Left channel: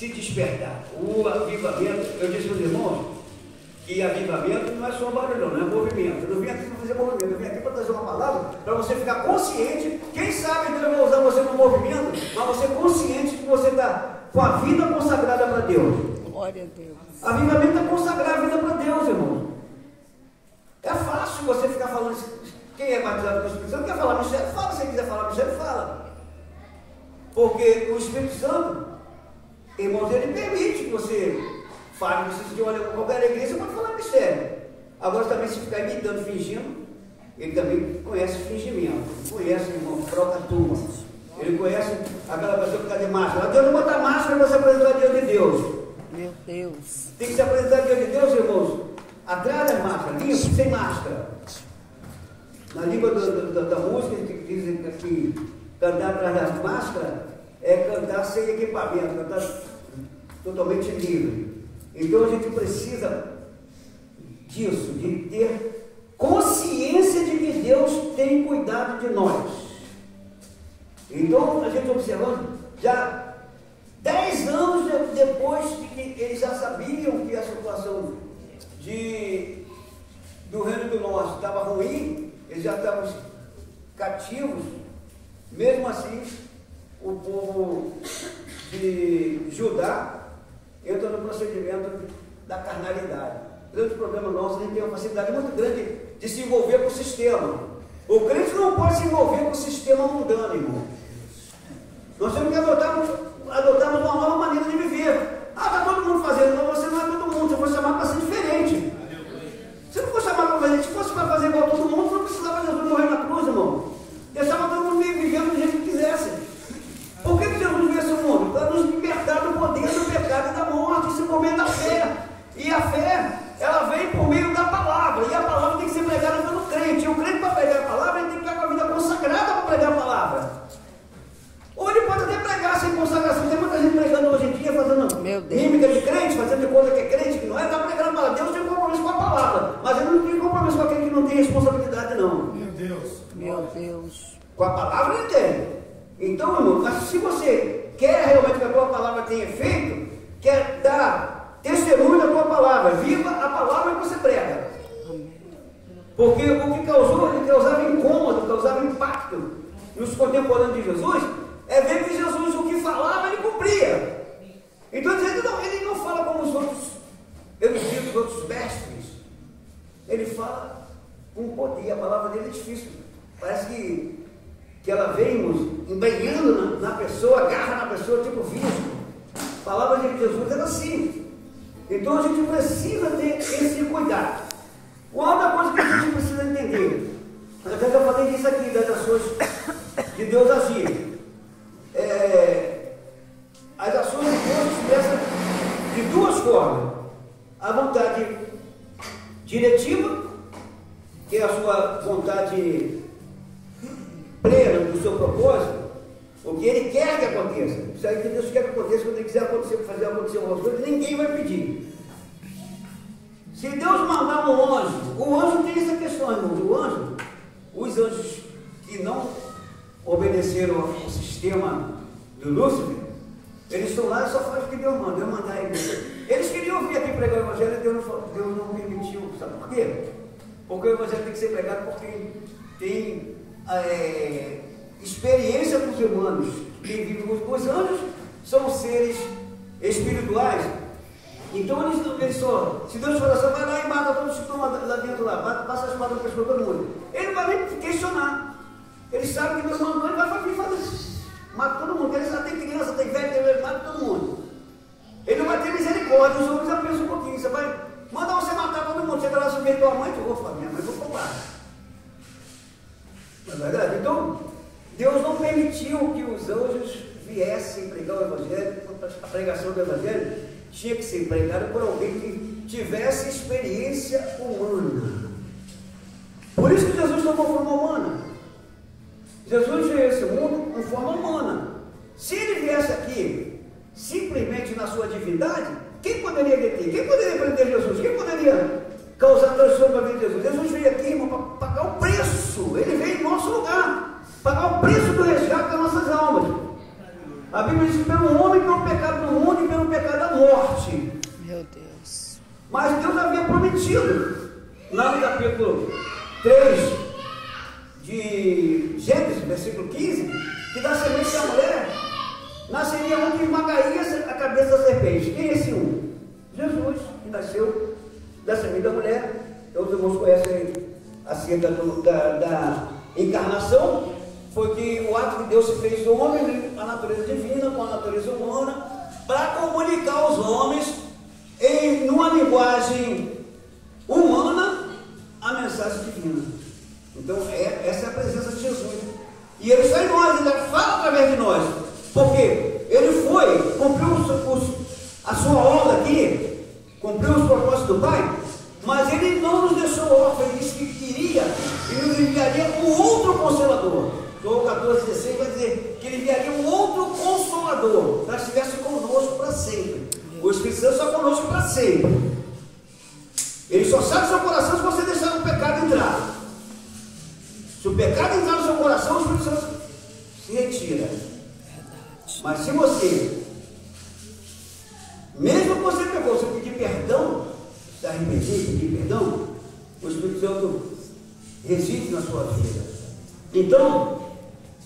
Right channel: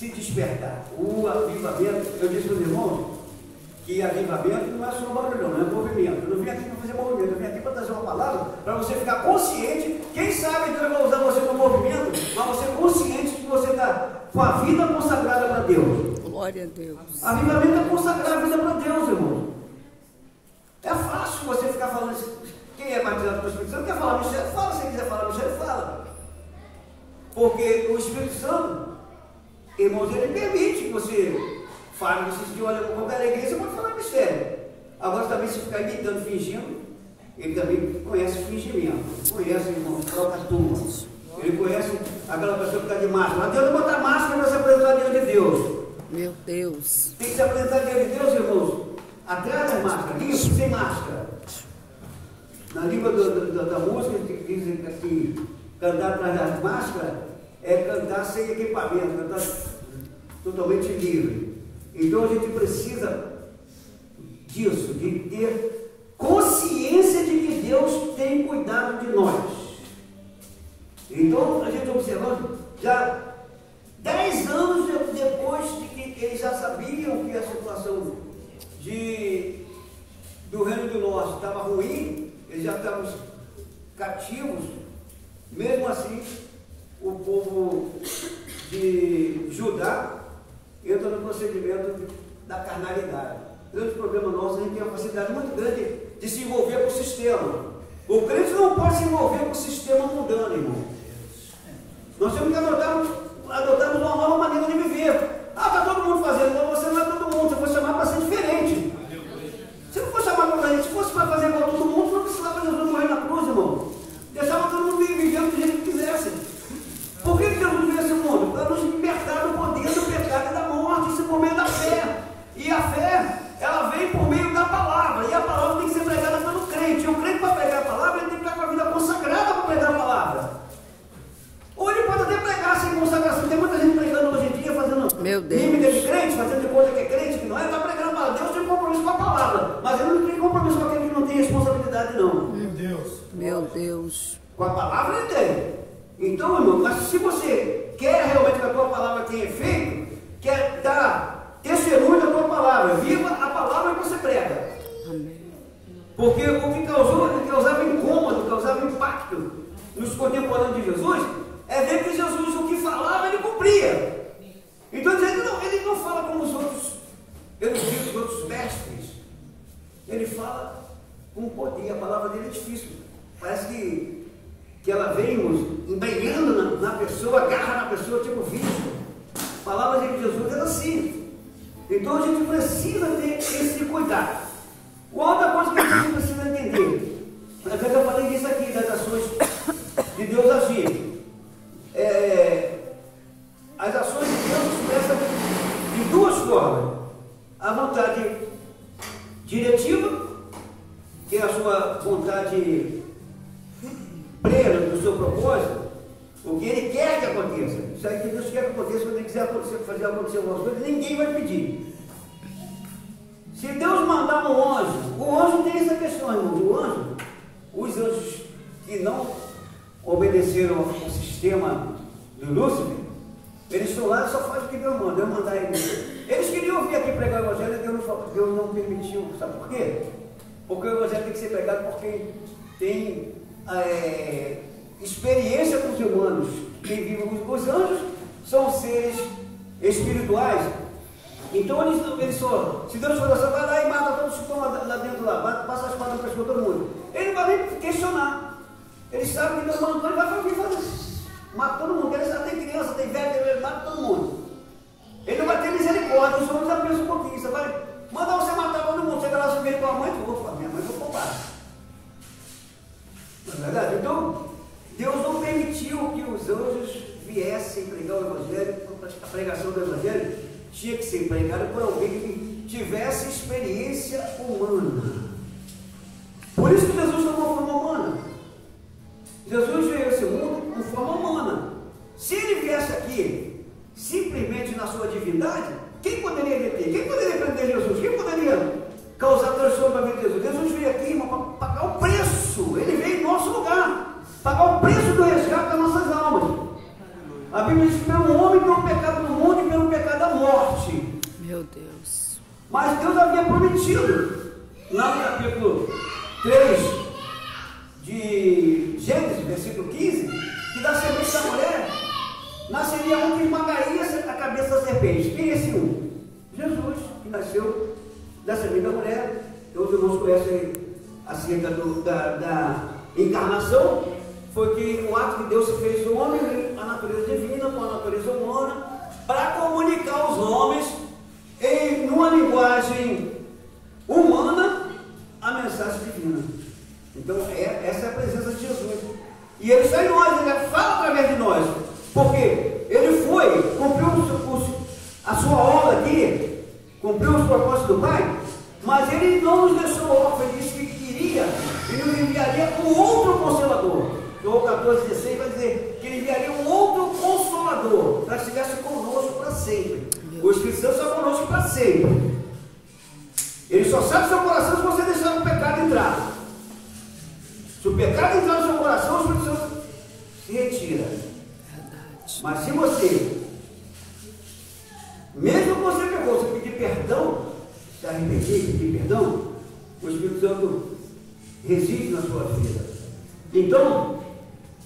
se despertar. O avivamento, eu disse para os irmãos que avivamento não é só barulho, não é movimento. Eu não vim aqui para fazer movimento, eu vim aqui para trazer uma palavra para você ficar consciente. Quem sabe Deus vai usar você no movimento, mas você consciente que você está com a vida consagrada para Deus. Glória a Deus. Avivamento é consagrar a vida para Deus, irmão. É fácil você ficar falando isso. Quem é batizado pelo Espírito Santo quer falar mistério? Fala. Se quiser falar mistério, fala. Porque o Espírito Santo, irmãos, ele permite que você fale. Se de qualquer igreja, você pode falar mistério. Agora também, se ficar imitando, fingindo, ele também conhece fingimento. Conhece, irmão, a própria turma. Ele conhece aquela pessoa que está de máscara. Deus não bota máscara para se apresentar diante de Deus. Meu Deus. Tem que se apresentar diante de Deus, irmãos, atrás das máscaras, limpo, sem máscara. Na língua da música, que dizem que cantar atrás das máscaras é cantar sem equipamento, cantar totalmente livre. Então a gente precisa disso, de ter consciência de que Deus tem cuidado de nós. Então a gente observando, já 10 anos depois de que eles já sabiam que a situação do Reino do Norte estava ruim, eles já estavam cativos, mesmo assim, o povo de Judá entra no procedimento da carnalidade. O grande problema nosso, a gente tem uma facilidade muito grande de se envolver com o sistema. O crente não pode se envolver com o sistema mundano, irmão. Nós temos que adotarmos uma nova maneira de viver. Está todo mundo fazendo, então você não é todo mundo, você foi chamado para ser diferente. Se não for chamado para fazer, se fosse para fazer igual a todo mundo, não precisava Jesus morrer na cruz, irmão. Deixava todo mundo vivendo do jeito que quisesse. Por que Jesus veio esse mundo? Para nos libertar do poder do pecado e da morte, isso por meio da fé. E a fé, ela vem por meio da palavra. E a palavra tem que ser pregada pelo crente. E o crente, para pregar a palavra, ele tem que estar com a vida consagrada para pregar a palavra. Ou ele pode até pregar sem consagração. Tem muita gente pregando hoje em dia, fazendo mímica de crente, fazendo de conta que é crente, que não é. Está pregando a palavra. Deus tem compromisso com a palavra, mas ele não tem compromisso com aquele que não tem responsabilidade, não. Meu Deus. Meu Deus. Com a palavra ele tem. Então, irmão, mas se você quer realmente que a tua palavra tenha efeito, quer dar testemunho da tua palavra, viva a palavra que você prega. Porque o que causava incômodo, causava impacto nos contemporâneos de Jesus, é ver que Jesus, o que falava, ele cumpria. Então ele não fala como os outros eruditos, os outros mestres. Ele fala com poder. A palavra dele é difícil. Parece que ela vem embrenhando na pessoa, agarra na pessoa, tipo visco. A palavra de Jesus era assim. Então a gente precisa ter esse cuidado. Outra coisa que a gente precisa entender, eu já falei disso aqui, das ações de Deus agir. As ações de Deus se expressam de duas formas. A vontade diretiva, que é a sua vontade plena do seu propósito, o que ele quer que aconteça. Isso aí que Deus quer que aconteça, quando ele quiser fazer acontecer algumas coisas, ninguém vai pedir. Se Deus mandar um anjo, o anjo tem essa questão, irmão. Os anjos que não obedeceram ao sistema do Lúcifer, eles estão lá e só fazem o que Deus manda. Deus mandar eles. Eles queriam vir aqui pregar o evangelho e Deus não permitiu. Sabe por quê? Porque o evangelho tem que ser pregado por quem tem experiência com os humanos. Quem vive os anjos são seres espirituais. Então eles só, se Deus for assim, vai lá e mata todos que estão lá dentro lá, passa a espada no pescoço de todo mundo. Ele não vai nem questionar. Ele sabe que Deus mandou, ele vai vir fazer. Mata todo mundo. Ele sabe, tem criança, tem velho, ele mata todo mundo. Ele não vai ter misericórdia. Os homens já pensam um pouquinho. Você vai mandar você matar todo mundo. Você vai lá subir tua mãe, eu vou falar, minha mãe vou roubar. Não é verdade? Então, Deus não permitiu que os anjos viessem pregar o evangelho. A pregação do evangelho tinha que ser pregada por alguém que tivesse experiência humana. Por isso que Jesus tomou forma humana. Jesus veio a esse mundo com forma humana. Se ele viesse aqui simplesmente na sua divindade, quem poderia deter? Quem poderia prender Jesus? Quem poderia causar transtorno na vida de Jesus? Jesus veio aqui, irmão, para pagar o preço. Ele veio em nosso lugar, pagar o preço do resgate das nossas almas. A Bíblia diz que pelo homem, pelo pecado do mundo e pelo pecado Meu Deus. Mas Deus havia prometido, lá no capítulo 3 de Gênesis, versículo 15, que da semente da mulher nasceria um que esmagaria a cabeça da serpente. Quem é esse um? Jesus, que nasceu da semente da mulher. Então os irmãos conhecem acerca da encarnação. Foi que o ato que Deus se fez do homem, a natureza divina com a natureza humana, para comunicar aos homens numa linguagem humana a mensagem divina. Então essa é a presença de Jesus, e Ele está em nós, Ele fala através de nós, porque Ele foi, cumpriu a sua obra aqui, cumpriu os propósitos do Pai, mas Ele não nos deixou órfãos. Ele disse que iria e nos enviaria um outro Consolador. João 14,16 vai dizer que Ele enviaria um outro Consolador para que estivesse conosco para sempre. O Espírito Santo está conosco para sempre. Ele só sai do seu coração se você deixar o pecado entrar. Se o pecado entrar no seu coração, o Espírito Santo se retira. Mas se você, mesmo que você pegou, você pedir perdão, se arrepender, pedir perdão, o Espírito Santo reside na sua vida. Então,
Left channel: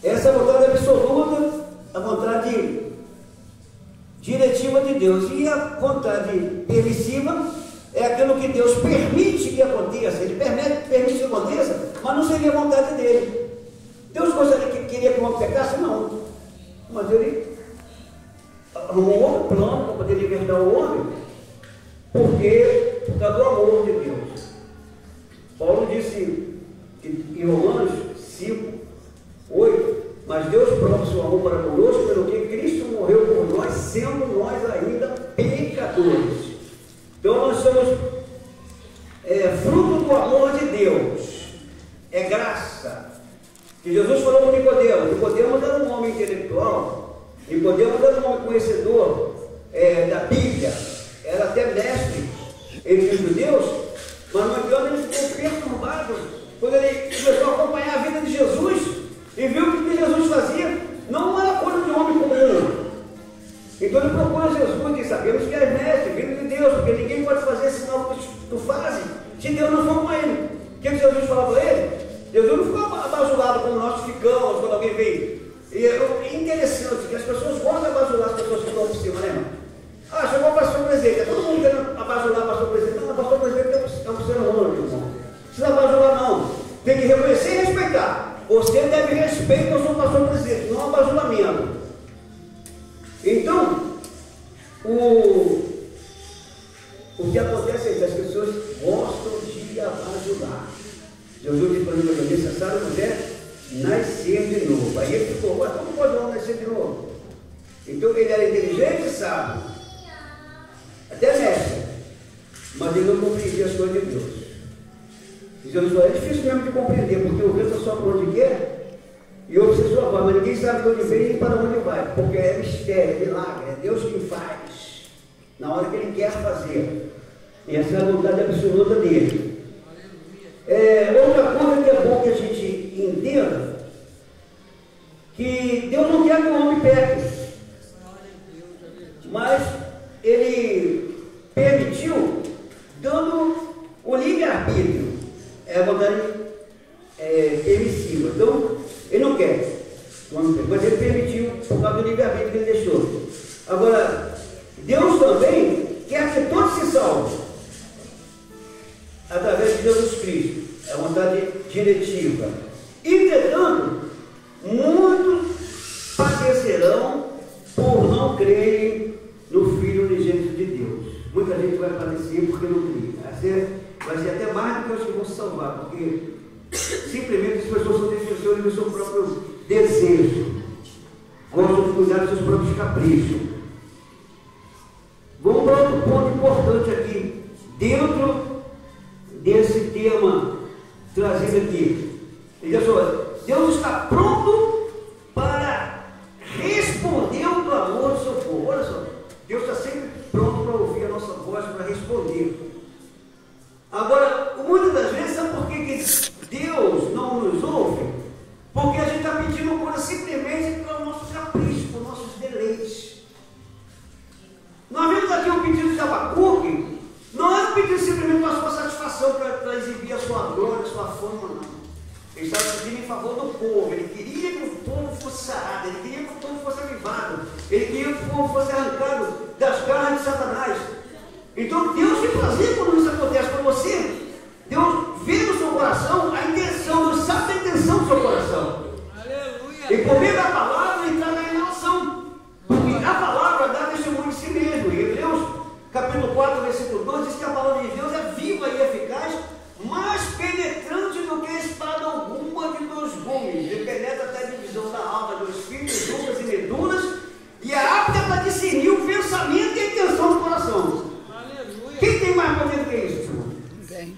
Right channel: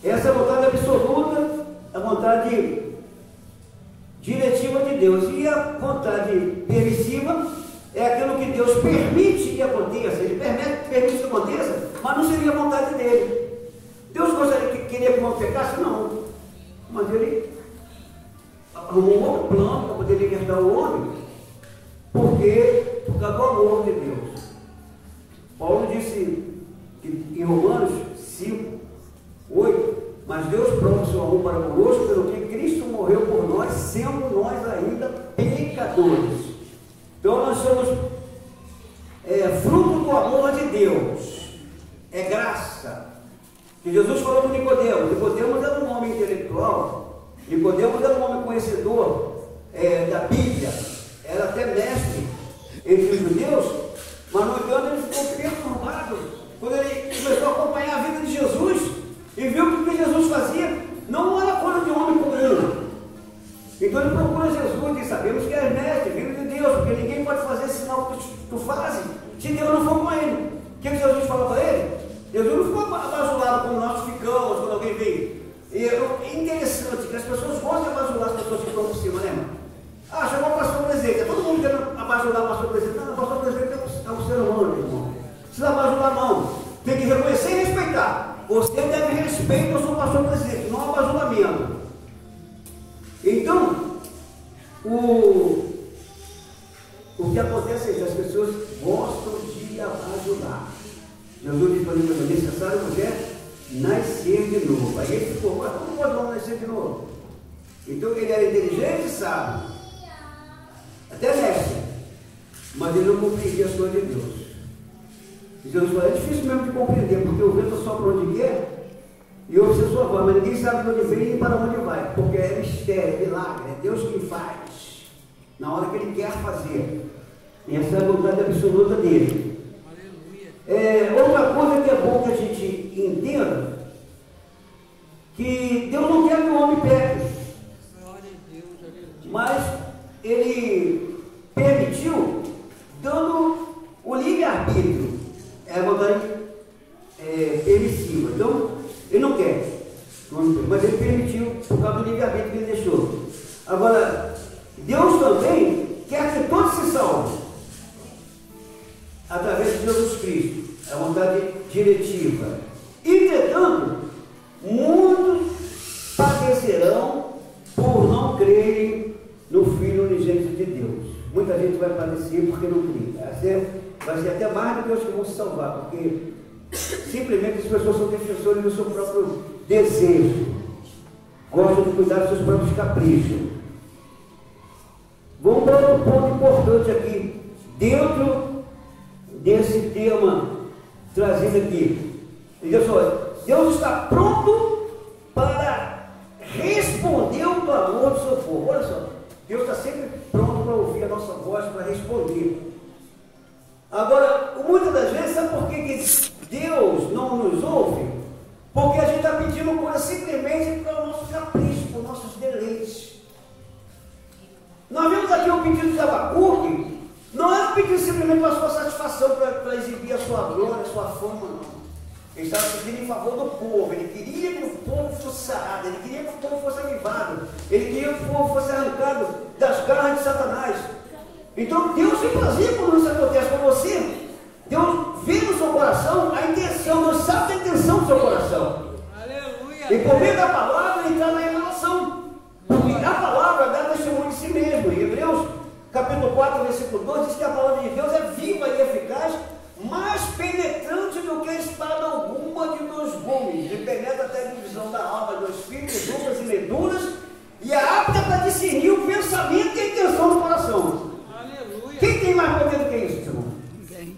essa é a vontade absoluta, a vontade diretiva de Deus. E a vontade permissiva é aquilo que Deus permite que aconteça. Ele permite que aconteça, mas não seria a vontade dele. Deus queria que o homem pecasse? Não. Mas Ele arrumou um outro plano para poder libertar o homem, por causa do amor de Deus. Paulo disse em Romanos 5, 8, mas Deus prova o seu amor para conosco, pelo que Cristo morreu por nós, sendo nós ainda pecadores. Então nós somos fruto do amor de Deus, é graça. Que Jesus falou com Nicodemos. Nicodemos era um homem intelectual, Nicodemos era um homem conhecedor da Bíblia, era até mestre entre os judeus, mas no entanto ele ficou perturbado quando ele começou a acompanhar a vida de Jesus e viu que o que Jesus fazia não era coisa de homem comum. Então ele procura Jesus e sabemos que é mestre, filho de Deus, porque ninguém pode fazer esse sinal que tu fazes se Deus não for com ele. O que Jesus falou para ele? Jesus não ficou abajulado como nós ficamos quando alguém vem. E é interessante que as pessoas gostam de abajular as pessoas que estão por cima, né, irmão? Ah, chegou o pastor presidente, todo mundo querendo abajular o pastor presidente. Não, o pastor presidente é um ser humano, irmão. Não precisa abajular, não. Tem que reconhecer e respeitar. Você deve respeito ao seu pastor presidente, não abajulamento. Então, o que acontece é isso, as pessoas gostam de abajular. Jesus disse para ele: é necessário você nascer de novo. Aí ele ficou: mas como pode não nascer de novo? Então ele era inteligente, sabe? Até mestre, mas ele não compreendia as coisas de Deus. E Jesus falou: é difícil mesmo de compreender, porque o vento sopra onde quer e ouve a sua voz, mas ninguém sabe de onde vem e para onde vai, porque é mistério, é milagre, é Deus quem faz, na hora que Ele quer fazer. E essa é a vontade absoluta dele. Outra coisa que é bom que a gente entenda, que Deus não quer que o homem peque, mas Ele permitiu, dando o livre-arbítrio, é a vontade permissiva. Então, Ele não quer, mas Ele permitiu por causa do livre-arbítrio que Ele deixou. Agora, Deus também quer que todos se salvem através de Jesus Cristo, é a vontade diretiva. Entretanto, muitos padecerão por não crerem no Filho unigênito de Deus. Muita gente vai padecer porque não crê. Vai ser até mais do que os que vão se salvar, porque simplesmente as pessoas são defensores do seu próprio desejo, gostam de cuidar dos seus próprios caprichos. Vamos para outro ponto importante aqui, dentro desse tema trazido aqui. Olha só, Deus está pronto para responder o clamor do seu povo. Olha só, Deus está sempre pronto para ouvir a nossa voz, para responder. Agora, muitas das vezes, sabe por que Deus não nos ouve? Porque a gente está pedindo cura simplesmente para o nosso capricho, para os nossos deleites. Nós vimos aqui um pedido de Abacuque, pedindo simplesmente a sua satisfação para exibir a sua glória, a sua fama, não. Ele estava pedindo em favor do povo. Ele queria que o povo fosse sarado, ele queria que o povo fosse avivado, ele queria que o povo fosse arrancado das garras de Satanás. Então Deus tem prazer quando isso acontece com você. Deus vê no seu coração a intenção, Deus sabe a intenção do seu coração. Aleluia. E por meio da palavra ele traz a revelação. Porque a palavra dá testemunho de si mesmo. Em Hebreus capítulo 4, versículo 12, diz que a palavra de Deus é viva e eficaz, mais penetrante do que espada alguma de dois gumes, e penetra até a divisão da alma, dos espíritos, dúvidas e medulas, e é apta para discernir o pensamento e a intenção do coração. Aleluia. Quem tem mais poder do que isso, irmão? Ninguém.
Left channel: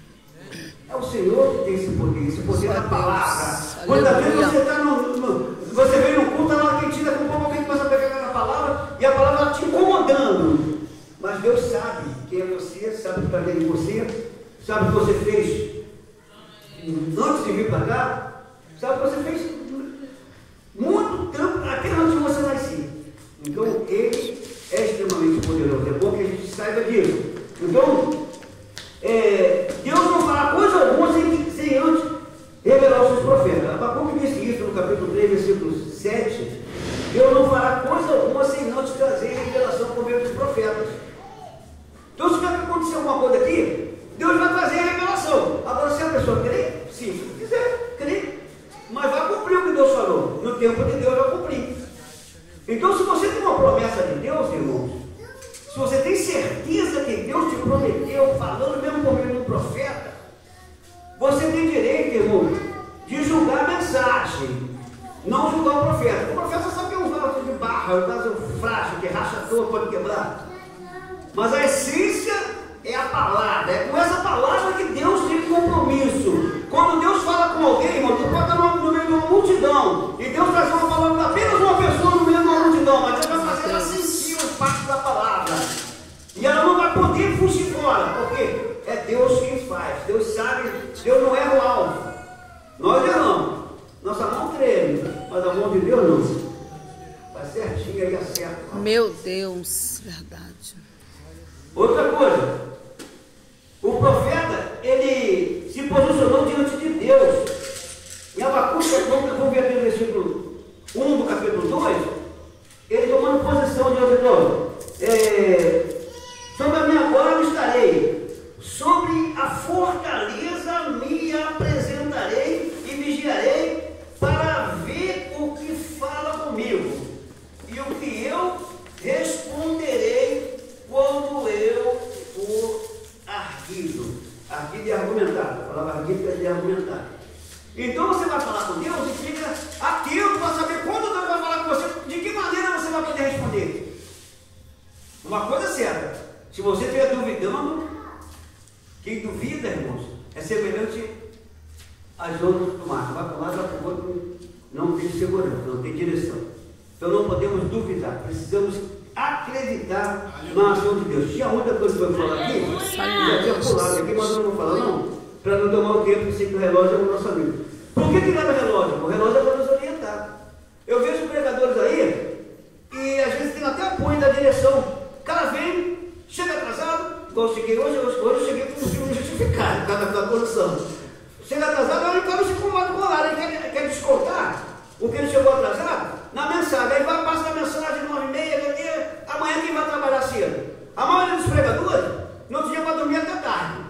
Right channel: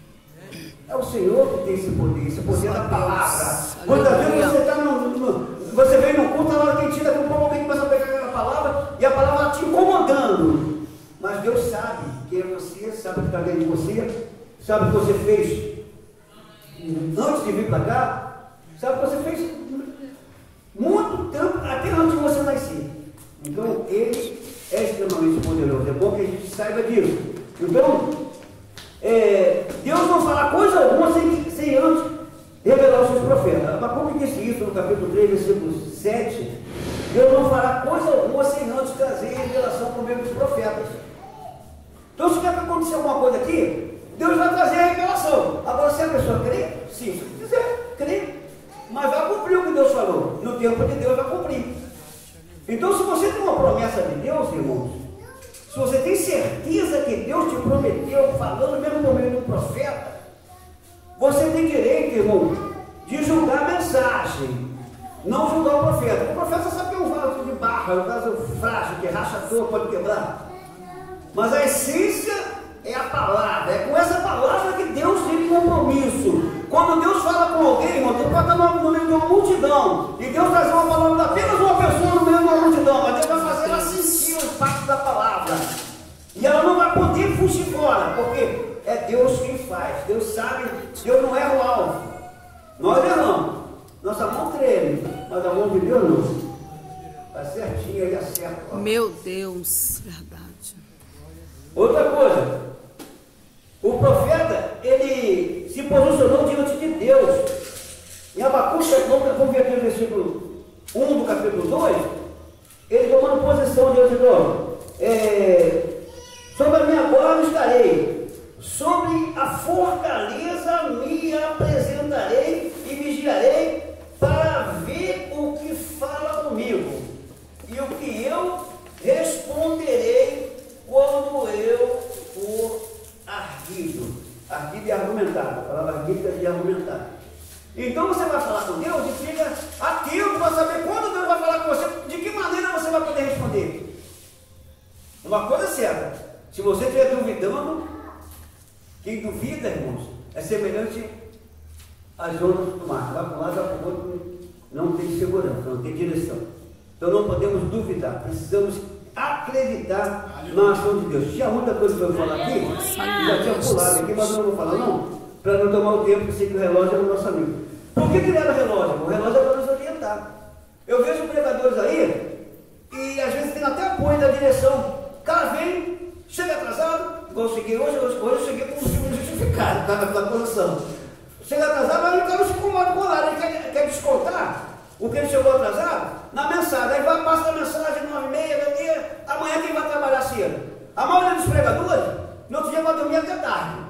É o Senhor que tem esse poder da palavra. Quantas vezes você está você vem no culto, ela tem tira com um pouco, alguém começa a pegar aquela palavra, e a palavra está te incomodando. Mas Deus sabe quem é você, sabe o que está dentro de você, sabe o que você fez antes de vir para cá, sabe o que você fez muito tempo, até antes de você nascer. Então, Ele é extremamente poderoso. É bom que a gente saiba disso. Então, Deus não fará coisa alguma sem antes revelar os seus profetas. Abacuque disse isso no capítulo 3, versículo 7. Deus não fará coisa alguma sem antes trazer revelação por meio dos profetas. Então, se tiver que acontecer alguma coisa aqui, Deus vai trazer a revelação. Agora, se a pessoa crê, sim, se quiser, crê. Mas vai cumprir o que Deus falou. No tempo de Deus vai cumprir. Então, se você tem uma promessa de Deus, irmãos, se você tem certeza que Deus te prometeu, falando mesmo por meio do profeta, você tem direito, irmão, de julgar a mensagem, não julgar o profeta. O profeta sabe que é um vaso de barra, é um vaso frágil, que racha a tua, pode quebrar. Mas a essência é a palavra, é com essa palavra que Deus tem compromisso. Quando Deus fala com alguém, irmão, Deus pode estar no meio de uma multidão, e Deus traz uma palavra para apenas uma pessoa no meio de uma multidão, mas Deus vai fazer ela sentir o impacto da palavra. E ela não vai poder fugir fora, porque é Deus quem faz. Deus sabe, Deus não erra o alvo. Nós erramos. Nossa mão treme, mas a mão de Deus não. Está certinho, ele acerta. Meu Deus, verdade. Outra coisa, o profeta, ele se posicionou diante de Deus. Em Abacuque, vamos ver aqui no versículo 1 do capítulo 2, ele tomando posição diante de Deus. Sobre a minha guarda estarei, sobre a fortaleza me apresentarei e vigiarei para ver o que fala comigo e o que eu responderei quando eu for arguido. Arguido é argumentado. A palavra arguido é de argumentar. Então você vai falar com Deus e fica atento para saber quando Deus vai falar com você, de que maneira você vai poder responder. Uma coisa é certa, se você estiver duvidando, quem duvida, irmãos, é semelhante às ondas do mar. Vai para um lado, vai para o outro, não tem segurança, não tem direção. Então não podemos duvidar, precisamos acreditar na ação de Deus. Tinha muita coisa que eu vou falar aqui, já tinha pulado aqui, mas eu não vou falar não, para não tomar o tempo, porque sei que o relógio é o nosso amigo. Por que leva relógio? O relógio é para nos orientar. Eu vejo pregadores aí, e às vezes tem até apoio da direção. O cara vem, chega atrasado, igual eu cheguei hoje eu cheguei com um justificado, cada posição. Chega atrasado, aí o cara se incomoda com o horário, ele quer descontar o que ele chegou atrasado na mensagem. Aí vai passar a mensagem 9h30, amanhã quem vai trabalhar cedo? A maioria dos pregadores, no outro dia vai dormir até tarde.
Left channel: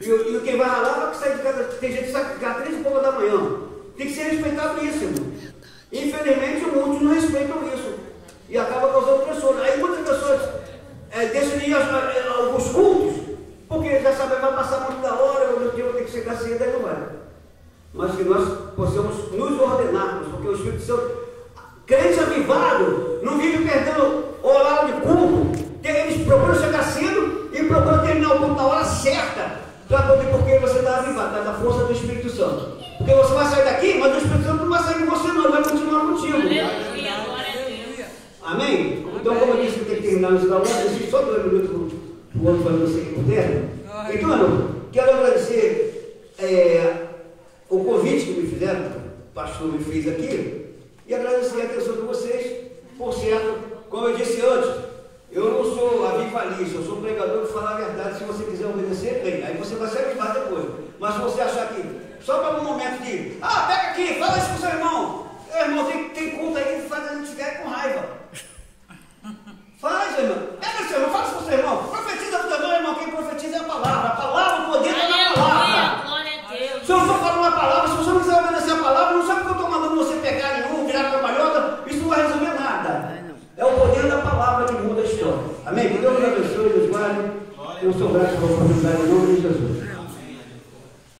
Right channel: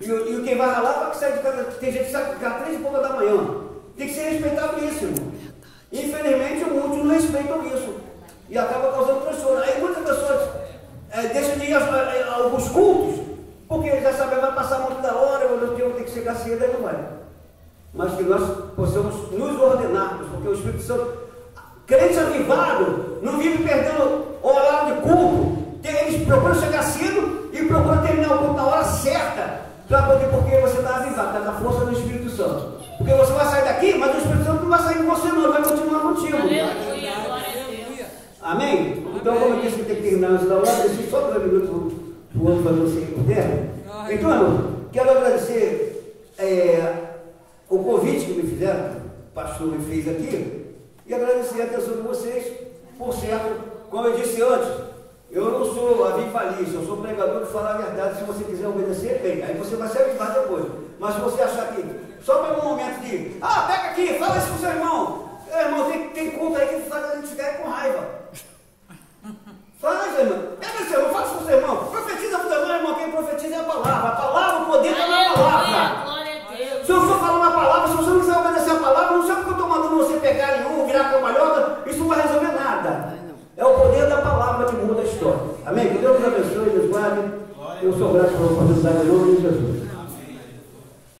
E quem vai ralar vai sair de casa, tem gente que sai de casa 3h30 da manhã. Tem que ser respeitado isso, irmão. Infelizmente, muitos não respeitam isso. E acaba causando transtorno. Aí muitas pessoas deixam de ir aos cultos, porque já sabem que vai passar muito da hora, eu tenho que chegar cedo, aí não vai. Mas que nós possamos nos ordenarmos, porque o Espírito Santo, crente avivado, não vive perdendo o horário de culto. Eles procuram chegar cedo e procuram terminar o culto na hora certa, para poder, porque você está avivado, está na força do Espírito Santo. Porque você vai sair daqui, mas o Espírito Santo não vai sair de você, não, ele vai continuar contigo. Aleluia, glória a Deus. Amém? Então, como eu disse, eu tenho que terminar esse aula, eu deixei só 2 minutos para o outro fazer o seguinte puder. Então, irmão, quero agradecer o convite que me fizeram, o pastor me fez aqui, e agradecer a atenção de vocês. Por certo, como eu disse antes, Eu não sou avivalista, eu sou pregador de falar a verdade. Se você quiser obedecer, bem, aí você vai se avivar depois. Mas se você achar que, só para um momento de, pega aqui, fala isso com o seu irmão. Irmão, tem culto aí que faz a gente ficar com raiva. Faz, irmão. Pega seu irmão, fala isso com o seu irmão. Profetiza para o teu irmão, quem profetiza é a palavra, o poder da palavra. Glória a Deus. Se eu estou falando a palavra, se você não quiser obedecer a palavra, não sabe que eu estou mandando você pegar em um, virar cambalhota, isso não vai resolver nada. É o poder da palavra que muda a história. Amém? Que Deus abençoe e nos guarde. Eu sou grato pela oportunidade em nome de Jesus.